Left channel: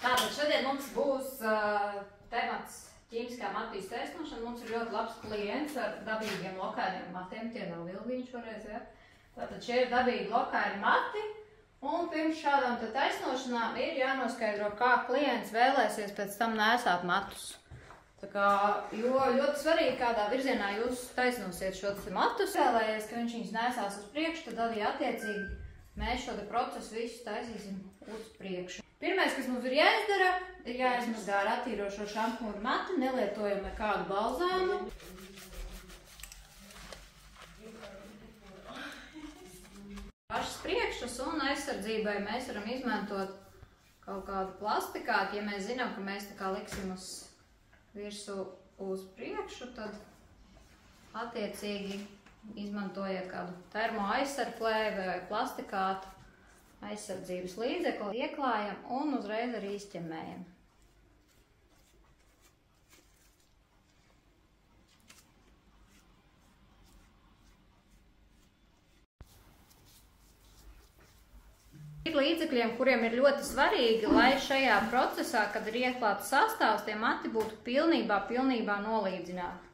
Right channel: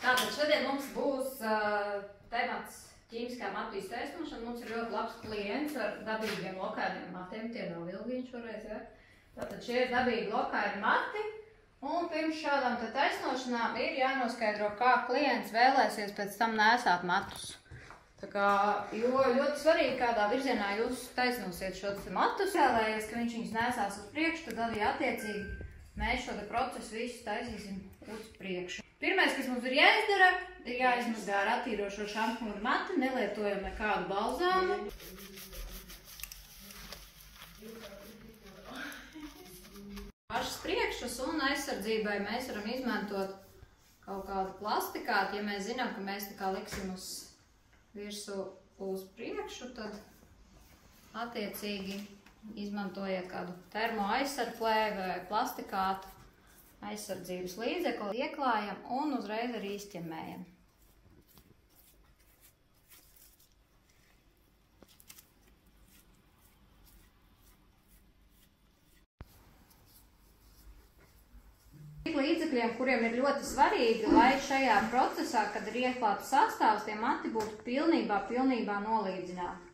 Tātad šodien mums būs temats ķīmiskā matu iztaisnošana. Mums ir ļoti labs klients ar dabīgiem lokainiem matiem. Tie nav vilviņi šoreiz, ja? Tātad šie ir dabīgi lokaini mati. Un pirms šādām te taisnošanām ir jānoskaidro, kā klients vēlēsies pēc tam nēsāt matus. Tā kā, jo ļoti svarīgi, kādā virzienā jūs taisnosiet šos matus. Vēlējies, ka viņš viņus nēsās uz priekšu, tad arī attiecīgi mēs šo procesu visu taisīsim uz priekšu. Pirmais, kas mums ir jāizdara, ir jāizmazgā ar attīrošo šampūnu mati, nelietojam nekādu balzāmu. Pašas priekšas un aizsardzībai mēs varam izmantot kaut kādu plastikātu. Ja mēs zinām, ka mēs tā kā liksim uz virsmu uz priekšu, tad attiecīgi izmantojiet kādu termo aizsargplēvi vai plastikātu aizsardzības līdzekli, ieklājam un uzreiz arī izķemmējam. Līdzekļiem, kuriem ir ļoti svarīgi, lai šajā procesā, kad ir ieklāts sastāvs, tie mati būtu pilnībā nolīdzināti.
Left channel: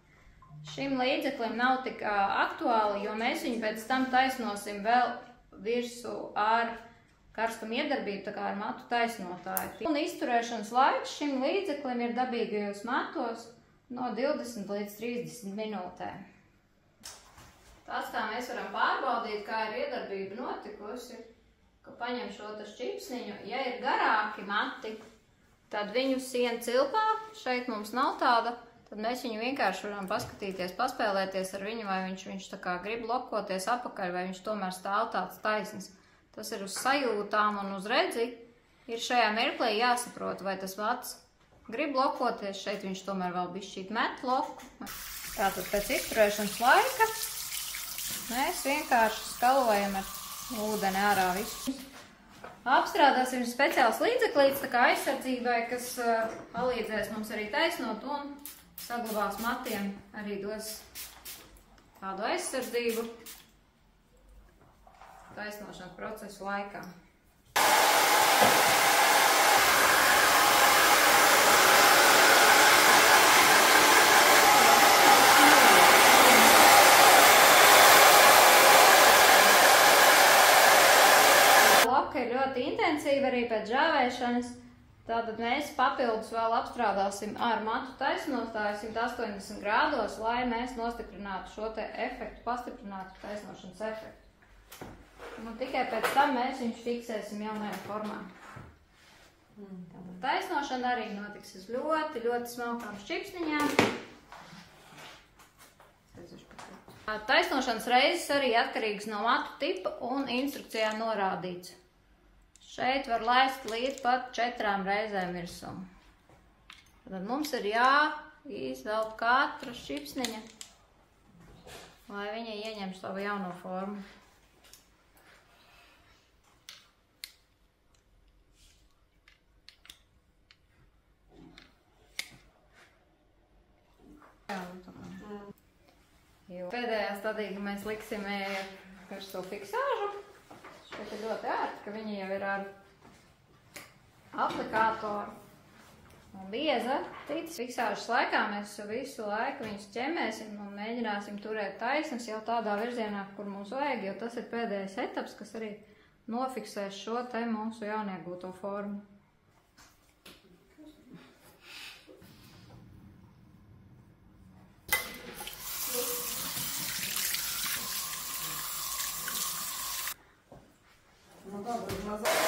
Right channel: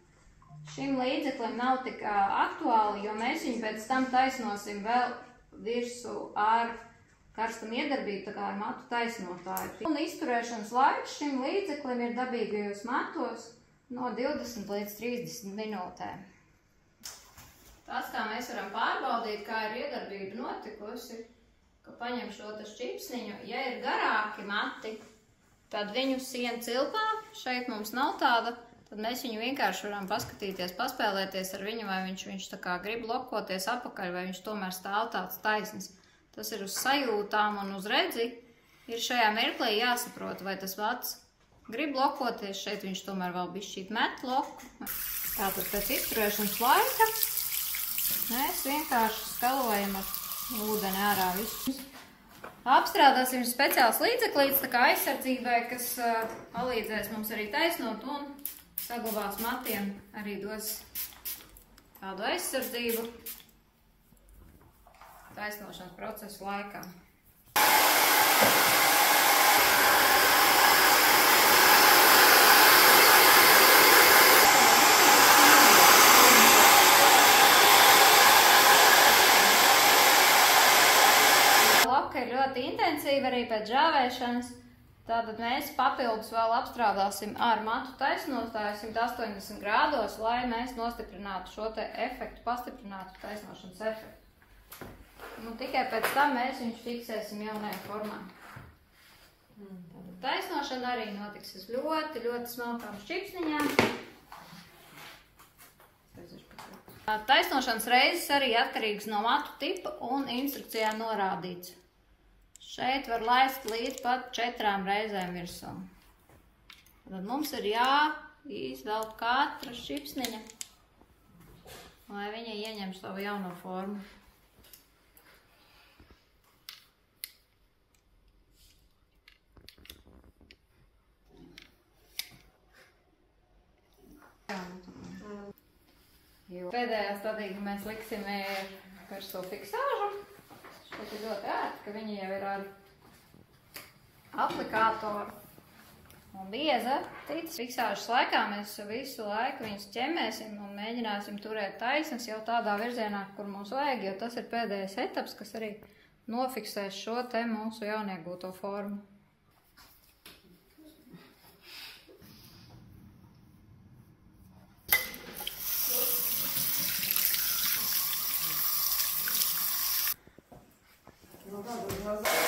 Šim līdzeklim nav tik aktuāli, jo mēs viņu pēc tam taisnosim vēl virsū ar karstumu iedarbību, tā kā ar matu taisnotāju. Un izturēšanas laiks šim līdzeklim ir dabīgajos matos no 20 līdz 30 minūtēm. Tas, kā mēs varam pārbaudīt, kā ir iedarbība notikusi, ka paņem šo šķipsniņu, ja ir garāki mati, tad viņu siena cilpā, šeit mums nav tāda, tad mēs viņu vienkārši varam paskatīties, paspēlēties ar viņu, vai viņš tā kā grib lokoties apakaļ, vai viņš tomēr stāv tāds taisns. Tas ir uz sajūtām un uz redzi. Ir šajā mirklī jāsaprot, vai tas mats grib lokoties, šeit viņš tomēr vēl bišķīt met loku. Tātad pēc izturēšanas laika mēs vienkārši skalojam ar ūdeni ārā visu. Apstrādāsim speciāls līdzeklīts, tā kā aizsardzībai, kas palīdzēs mums arī taisnot un saglabās matiem, arī dos tādu aizsardzību taisnošanas procesu laikā. Loka ir ļoti intensīva arī pēc žāvēšanas. Tātad mēs papildus vēl apstrādāsim ar matu taisnotāju 180 grādos, lai mēs nostiprinātu šo te efektu, pastiprinātu taisnošanas efektu. Un tikai pēc tam mēs viņus fiksēsim jaunajā formā. Taisnošana arī notiks uz ļoti smalkām šķipsniņām. Taisnošanas reizes arī atkarīgas no matu tipa un instrukcijā norādīts. Šeit var laist līdz pat 4 reizēm virsū. Tad mums ir jāizvelt katra šķipsniņa, lai viņa ieņem savu jauno formu. Pēdējā stadīga mēs liksim virsū fiksāžu. Šeit ir ļoti ērti, ka viņi jau ir ar aplikātoru un bieza. Fiksāžas laikā mēs visu laiku viņus ķemmēsim un mēģināsim turēt taisnas jau tādā virzienā, kur mums vajag, jo tas ir pēdējais etaps, kas arī nofiksēs šo te mūsu jauniegūto formu. Ну да,